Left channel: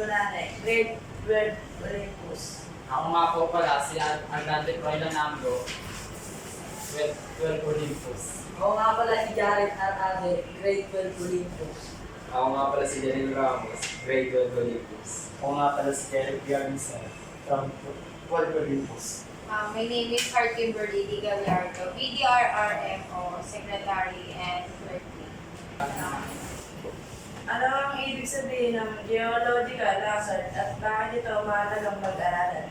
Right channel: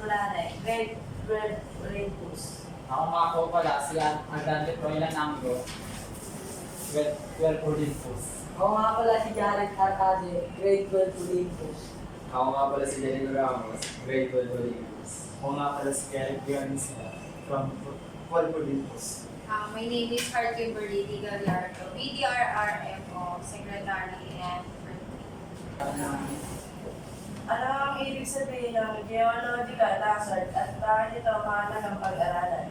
Fortunare, grade 12 Olympus. Ako nga po pala si Andante Froilan Anglo, 12 Olympus. Ako nga pala si Jared Arade, grade 12 Olympus. Ako nga pala si Janine Ramos, grade 12 Olympus. Ako nga pala si Derek Garnisa from Paul Olympus. My name is Hart Kimberly Di Gallardo, BDRRMO, Secretary and Clerkly. Ano ang ibig sabihin ng geological hazard at bakit ito mahalagang pag-aralan?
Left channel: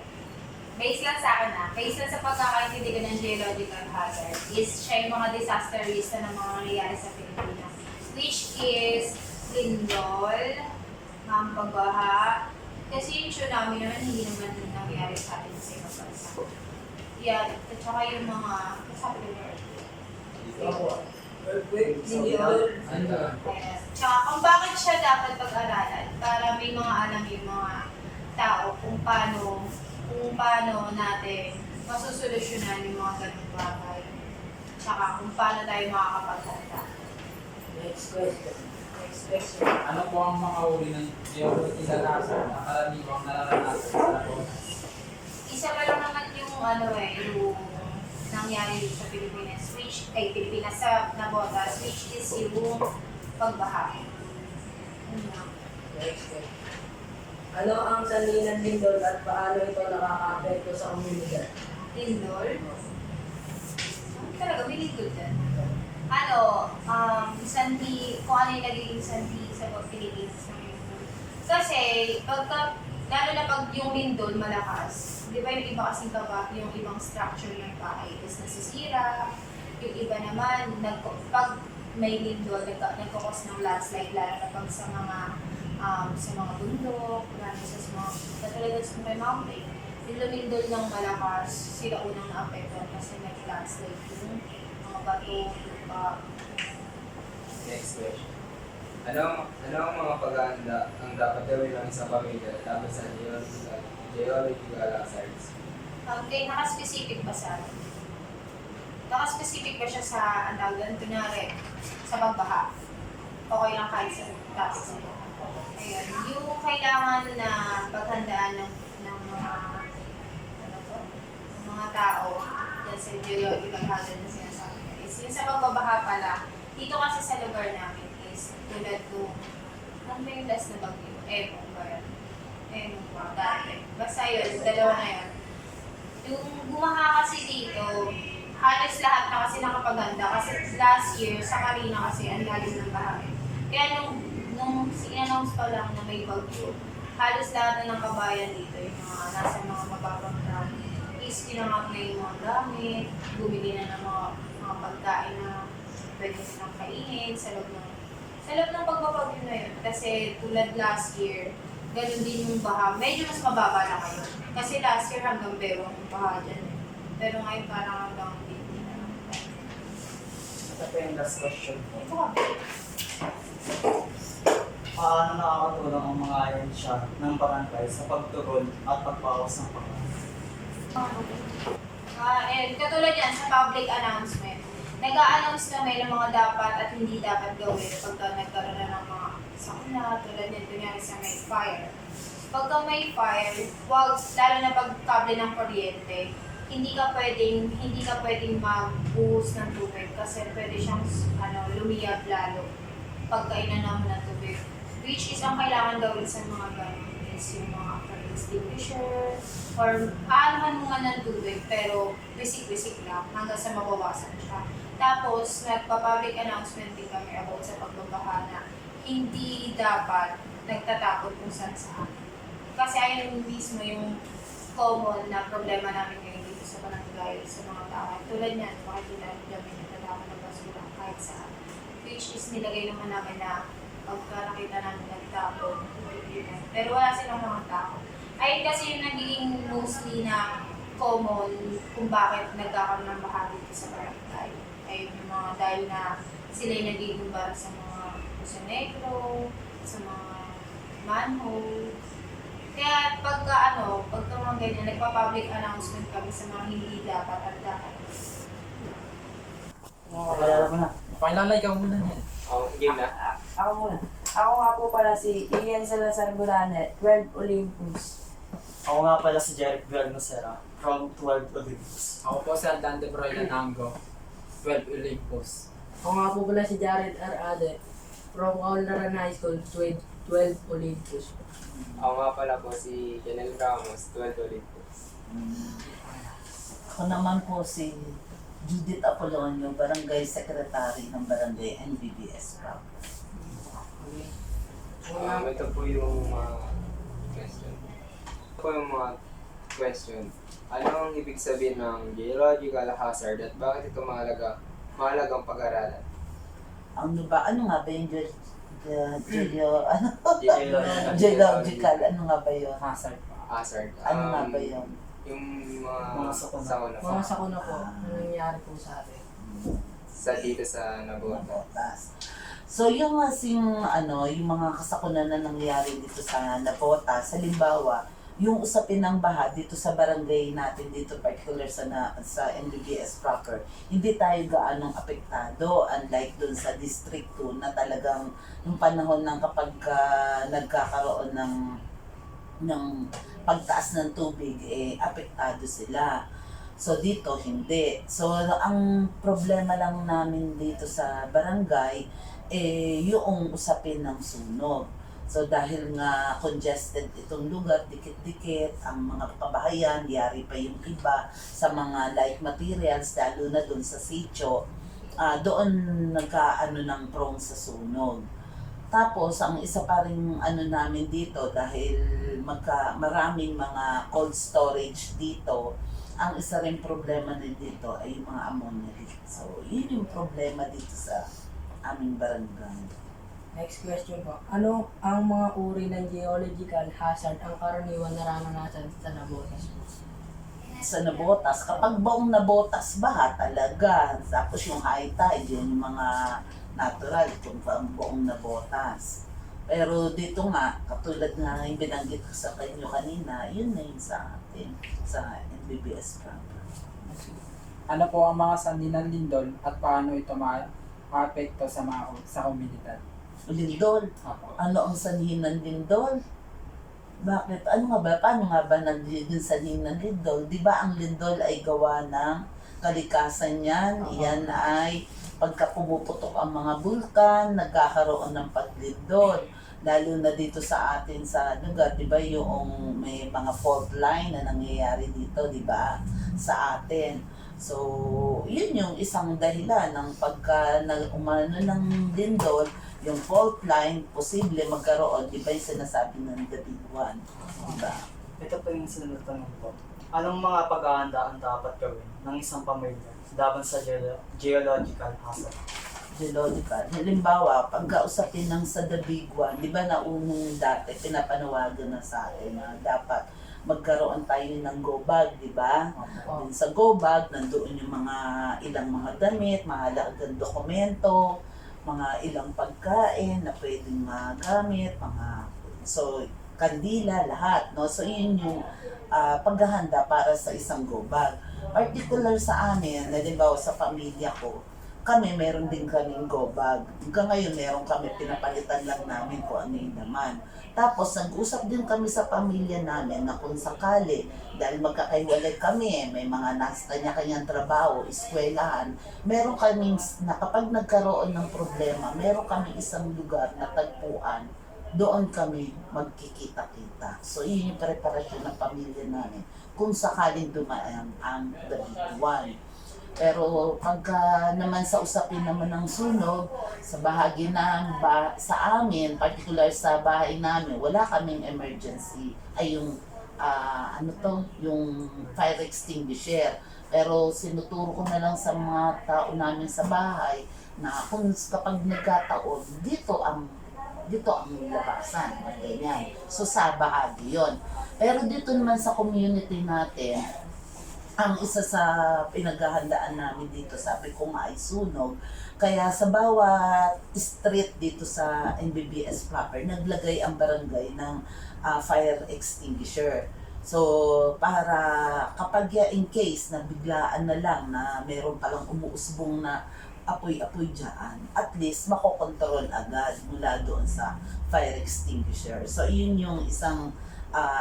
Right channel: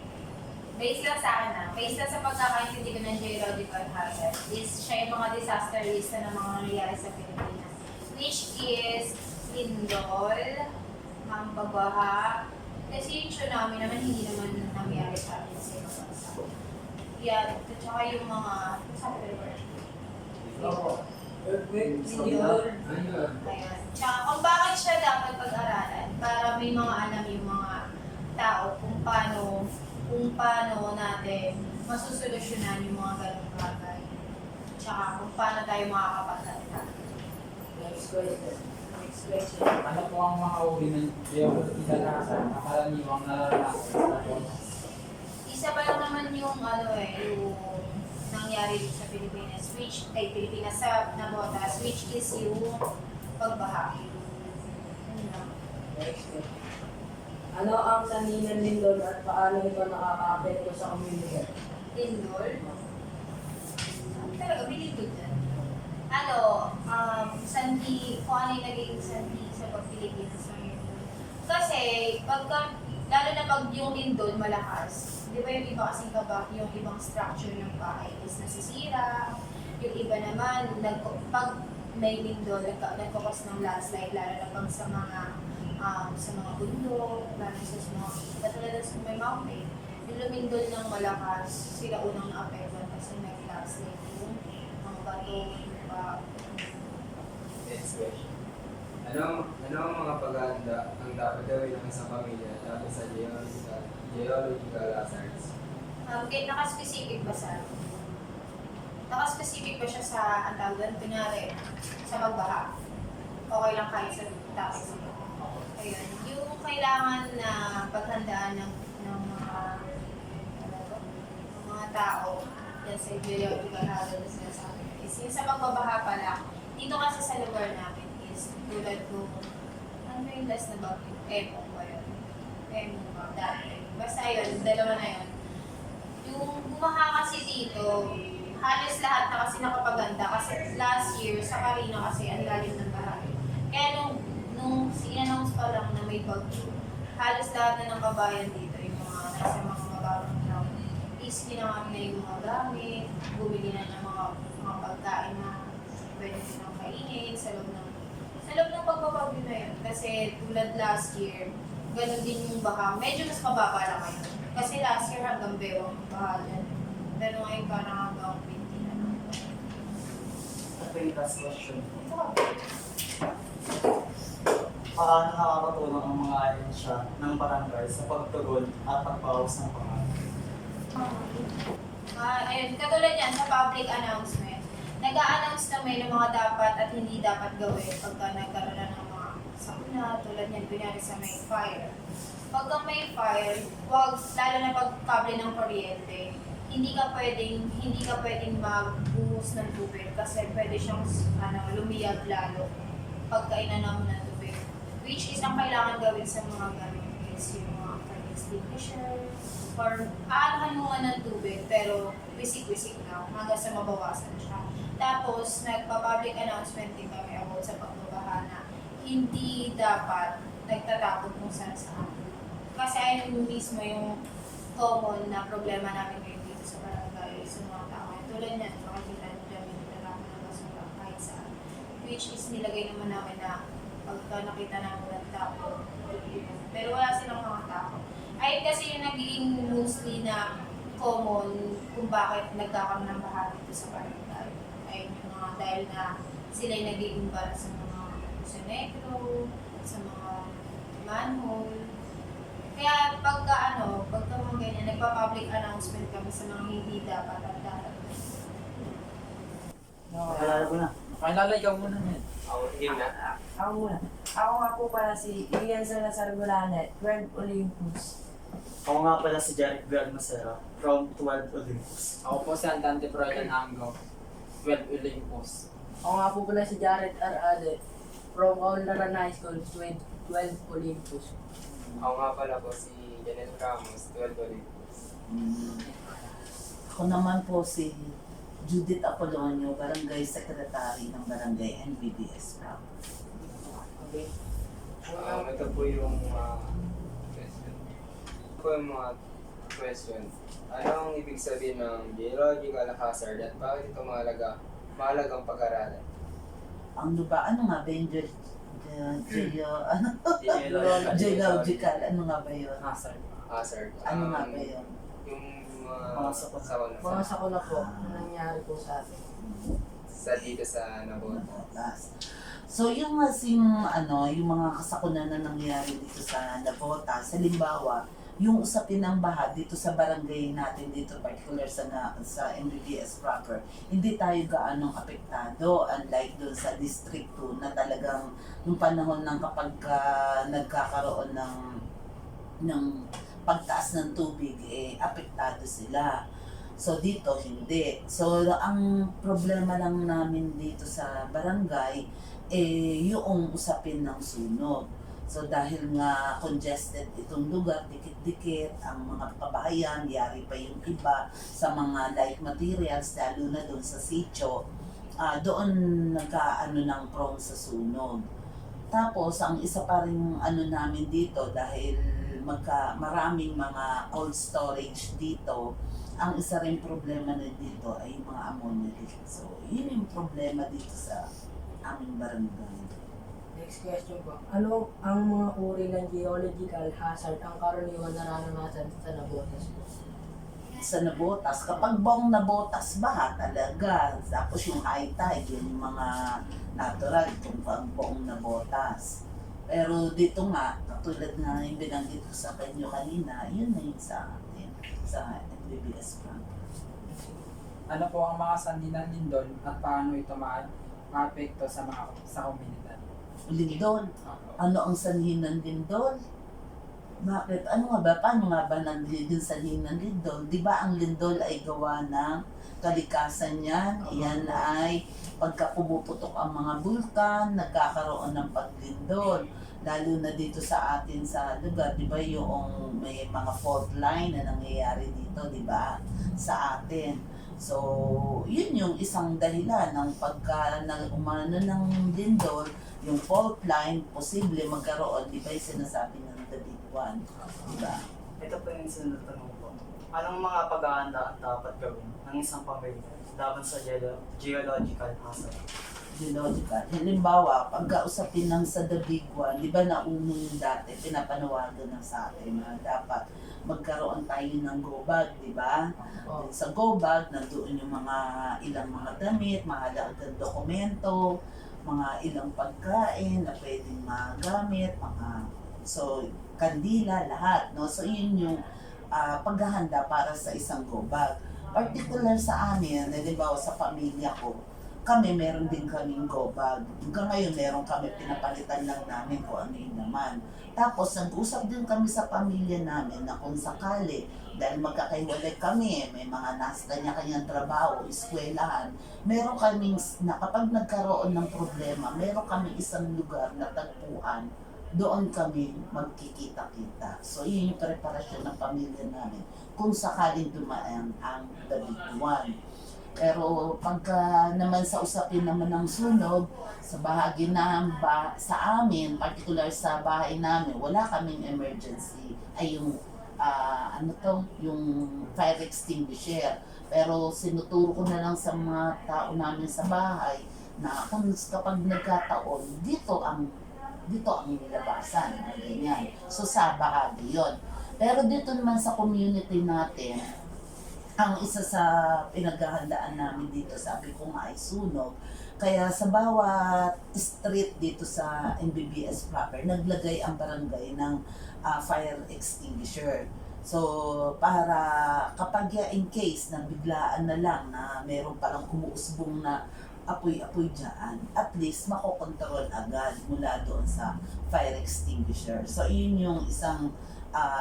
Based lang sa akin based lang sa pagkakaintindi ko ng geological hazard is siya yung mga disaster risk na mga nangyayari sa Pilipinas. Which is lindol, pagbaha, kasi yung tsunami naman hindi naman nangyayari sa atin sa ibang bansa. Yan, at saka yung mga, sabi ko Opo. Earthquake, Lindol. Ayun. Ayan. Tsaka kung bakit siya dapat pag-aralan para may mga alam yung mga tao kung paano natin masusolusyonan yung mga ganung bagay. Tsaka kung paano tayo makakapaghanda. Next question. Next question. Ano po ang mga uri ng geological hazard na karaniwang nararanasan sa Nabotas? Isa pa lang naman yung yung nangyari dito sa Pilipinas, sa Nabotas, which is yung pagbaha. Yun lang. Next question. Ano ang sanhi ng lindol at paano ito nakaka-apekto sa komunidad? Lindol. Talaga, may lindol dyan. Sanhi, kung ano yung naging sanhi sa Pilipinas ng lindol. Kasi, lalo na pag yung lindol malakas, di ba yung iba kasing yung ibang structure ng bahay is nasisira, yung iba naman, pag may lindol, nagkakos ng landslide, lalo na pag sa mga bundok, lalo sa mga, katulad sa may mountain, yung lumindol ng malakas, sila unang na-apektan kasi may landslide yung mga bato, lupa. Next question. Ano ang mga paghahanda ang dapat gawin ng isang pamilya laban sa geological hazards? Naka-specific ba sa Naka-specific ba siya sa, ang tawag doon, kunyari, sa pagbaha? Okay lang kahit sa topic na ito. Ayun. Yung kailangan na paghandaan ng mga tao dyan sa geological hazard na sinasabi ko is yung sa pagbabaha pala, dito kasi sa lugar namin is tulad nung, ano ba yung last na bagyo? Emong ba yun? Emong ba? Dati. Basta yun, dalawa na yun. Yung bumaha kasi dito, halos lahat na kasi nakapaganda kasi last year sa Carina kasi ang lalim ng baha. Kaya nung in-announce pa lang na may bagyo, halos lahat na ng kabayan dito, yung mga nasa mga mababang ground, is tinangap na yung mga gamit, bumili na ng mga pagkain na pwede silang kainin sa loob ng pagbabagyo na yun. Kasi tulad last year, ganun din yung baha. Medyo mas mababa lang ngayon. Kasi last year hanggang bewang yung baha dyan. Pero ngayon parang hanggang 50 na lang. Ito po yung last question po. Ito ka, babe. Paano nakakatulong ang mga ahensya ng barangay sa pagtugon at pagpawas ng pangalan? And katulad yan sa public announcement, nag-a-announce kami ng mga dapat at hindi dapat gawin pagka nagkaroon na ng mga sakuna, tulad yan, kunyari sa may fire. Pagka may fire, lalo na pag kable ng kuryente, hindi ka pwedeng magbuhos ng tubig kasi pwede siyang lumiyab lalo pagka inanaw mo ng tubig. Which is ang kailangan gawin sa mga ganun is yung mga fire extinguisher or aanahan mo nga ng tubig pero wisik-wisik lang hanggang sa mabawasan siya. Tapos, nagpa-public announcement din kami about sa pagbabaha na hindi dapat nagtatakot kung saan. Kasi ayun mismo yung common na problema namin ngayon dito sa barangay, sa mga tao. Tulad niyan, makikita nyo namin nagtatapon ng basura kahit saan. Which is nilagay naman namin na pagka nakita namin nagtapon, pero wala silang mga tao. Ayun kasi yung naging mostly na common kung bakit nagkakaroon ng baha dito sa barangay. Ayun yung mga dahil na sila yung nagiging bara sa mga sa negro, sa mga manhole. Kaya pagka mga ganyan, nagpa-public announcement kami sa mga hindi dapat at dapat. Kailangan ko na. Pakilalay ka muna niyan. Ako, game na. Ako muna. Ako nga po pala si Ian Salazar Gulanet, 12 Olympus. Ako nga pala si Jeric Villamosera from 12 Olympus. Ako po si Andante Froilan Anggo, 12 Olympus. Ako nga po pala si Jared R. Ade from Kaunlaran High School, 12 Olympus. Ako nga pala po si Janel Ramos, 12 Olympus. Ako naman po si Judith Apolonio, Barangay Secretary ng Barangay NBBS Club. Okay. Ito po yung question. Ito po yung mga question. Ano ang ibig sabihin ng geological hazard at bakit ito mahalagang pag-aralan? Ano nga ba yung Geological. geological? Ano nga ba yun? Hazard pa. Hazard. Ano nga ba yun? Yung Mga sakuna. po. Mga sakuna po, ano nangyari po sa atin. Dito sa Nabota. Nabotas. So yung yung mga kasakunan na nangyari dito sa Nabotas, halimbawa, yung usapin ng baha dito sa barangay natin dito, particular sa NBBS proper, hindi tayo gaanong apektado, unlike dun sa District 2 na talagang yung panahon ng kapag nagkakaroon ng pagtaas ng tubig, apektado sila. So dito hindi. So ang problema lang namin dito sa barangay yung usapin ng sunog. So dahil nga congested itong lugar, dikit-dikit ang mga pabahayan, yari pa yung iba sa mga light materials, lalo na doon sa sitio, doon nagkaano ng prone sa sunog. Tapos ang isa pa ring namin dito dahil maraming mga cold storage dito, ang isa ring problema na dito ay yung mga ammonia leak. So yun yung problema dito sa aming barangay. Next question po. Ano ang mga uri ng geological hazard ang karaniwan nararanasan sa Nabotas po? Sa Nabotas, kapag buong Nabotas, baha talaga. Tapos yung high tide, yun yung mga natural, kung buong Nabotas. Pero dito nga, katulad nga yung binanggit ko sa kanyo kanina, yun na yun sa atin, sa NBBS Camp. Ano po ang mga sanhi ng lindol at paano ito maapekto sa komunidad? Lindol, ano ang sanhi ng lindol? Bakit? Ano nga ba? Paano nga ba yung sanhi ng lindol? Di ba ang lindol ay gawa ng kalikasan yan? Yan ay pagka pumuputok ang mga bulkan, nagkakaroon ng paglindol. Lalo na dito sa atin sa lugar, di ba yung may mga fault line na nangyayari dito, di ba? Sa atin. So, yun yung isang dahilan ng pagka umano ng lindol, yung fault line, posible magkaroon, di ba yung sinasabi ng the big one? Di ba? Ito po yung sunod tanong ko. Anong mga pag-aanda ang dapat gawin ng isang pamilya laban sa geological hazard? Geological. Halimbawa, pagkausapin ng sa the big one, di ba naunong dati, pinapanawagan na sa atin na dapat magkaroon tayo ng go bag, di ba? Dun sa go bag, nandoon yung mga ilang mga damit, mahalagang dokumento, mga ilang pagkain na pwedeng magamit, so kandila, lahat, no? So yun yung paghahanda para sa isang go bag. Particular sa amin, halimbawa sa pamilya ko, kami meron din kaming go bag. Hanggang ngayon meron kami, pinapalitan lang namin kung ano yung naman. Tapos nag-usap din kami sa pamilya namin na kung sakali, dahil magkakaiwalay kami, may mga nasa kanya-kanyang trabaho, eskwelahan, meron kaming, na kapag nagkaroon ng problema, meron kaming isang lugar na tagpuan, doon kami magkikita-kita. So yun yung preparasyon ng pamilya namin kung sakaling dumaan ang the big one. Pero pagka naman sa usapin naman ng sunog, sa bahagi sa amin, particular sa bahay namin, wala kaming emergency, ay yung yung fire extinguisher. Pero sinuturo ko na lang sa mga tao namin sa bahay na kapag nagkataon, dito ang labasan, ganyan. So sa bahagi yon. Pero dito naman sa community natin, ang isa sa pinaghahandaan namin dito, sabi ko nga ay sunog. Kaya sa bawat street dito sa NBBS proper, naglagay ang barangay ng fire extinguisher. So, para kapag in case na biglaan na lang na meron palang umuusbong na apoy-apoy dyan, at least makokontrol agad mula doon sa fire extinguisher. So, yun yung isang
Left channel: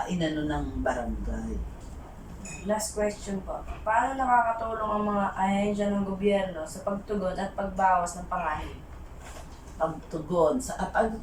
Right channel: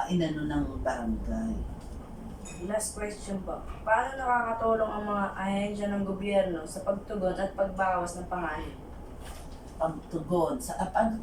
inano ng barangay. Last question po. Paano nakakatulong ang mga ahensya ng gobyerno sa pagtugon at pagbawas ng panganib? Pagtugon.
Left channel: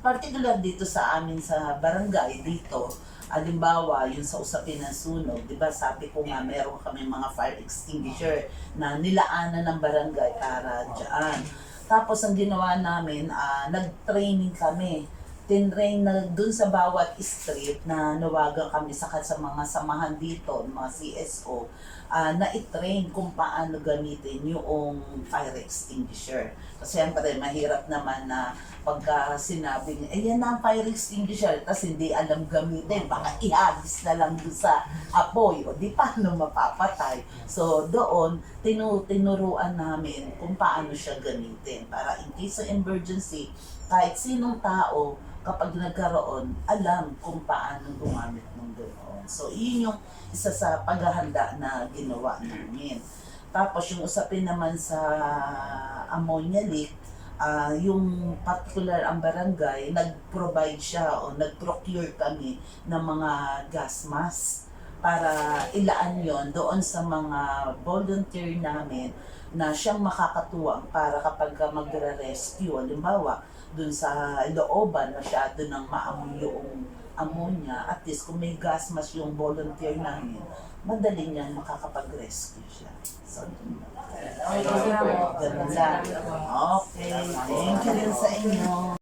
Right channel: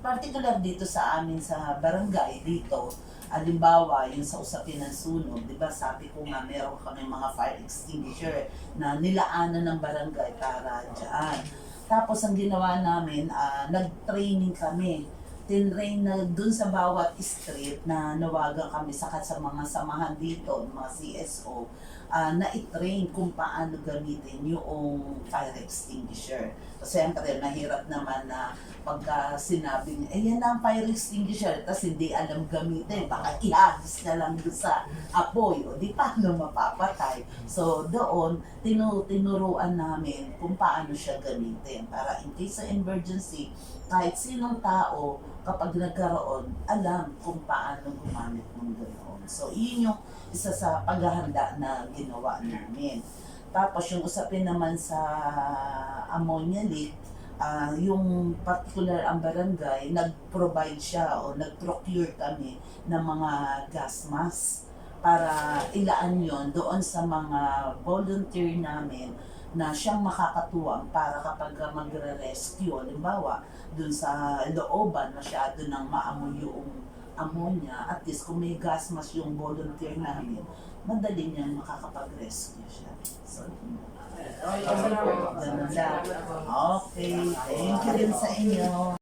Particular dito sa amin sa barangay, dito, alimbawa, yung sa usapin ng sunog, di ba sabi ko nga meron kami mga fire extinguisher na nilaanan ng barangay para dyan. Tapos ang ginawa namin, nag-training kami. Tinrain na dun sa bawat street na nawagan kami sa mga samahan dito, mga CSO, na i-train kung paano gamitin yung fire extinguisher. Kasi siyempre, mahirap naman na pagka sinabi niya, yan ang fire extinguisher, tapos hindi alam gamitin, baka ihagis na lang doon sa apoy, o di paano mapapatay. So doon, tinuruan namin kung paano siya gamitin, para in case of emergency, kahit sinong tao, kapag nagkaroon, alam kung paano gumamit ng ganoon. So, yun yung isa sa paghahanda na ginawa namin. Tapos, yung usapin naman sa ammonia leak, yung particular ang barangay, nag-provide siya o nag-procure kami ng mga gas mask para ilaan yon doon sa mga volunteer namin na siyang makakatuwang para kapag magre-rescue, halimbawa, dun sa looban, masyado nang maamoy yung ammonia, at least kung may gas mask yung volunteer namin, madali niyang makakapag-rescue siya. So, Okay, ganun lang. Okay, thank you rin sa inyo.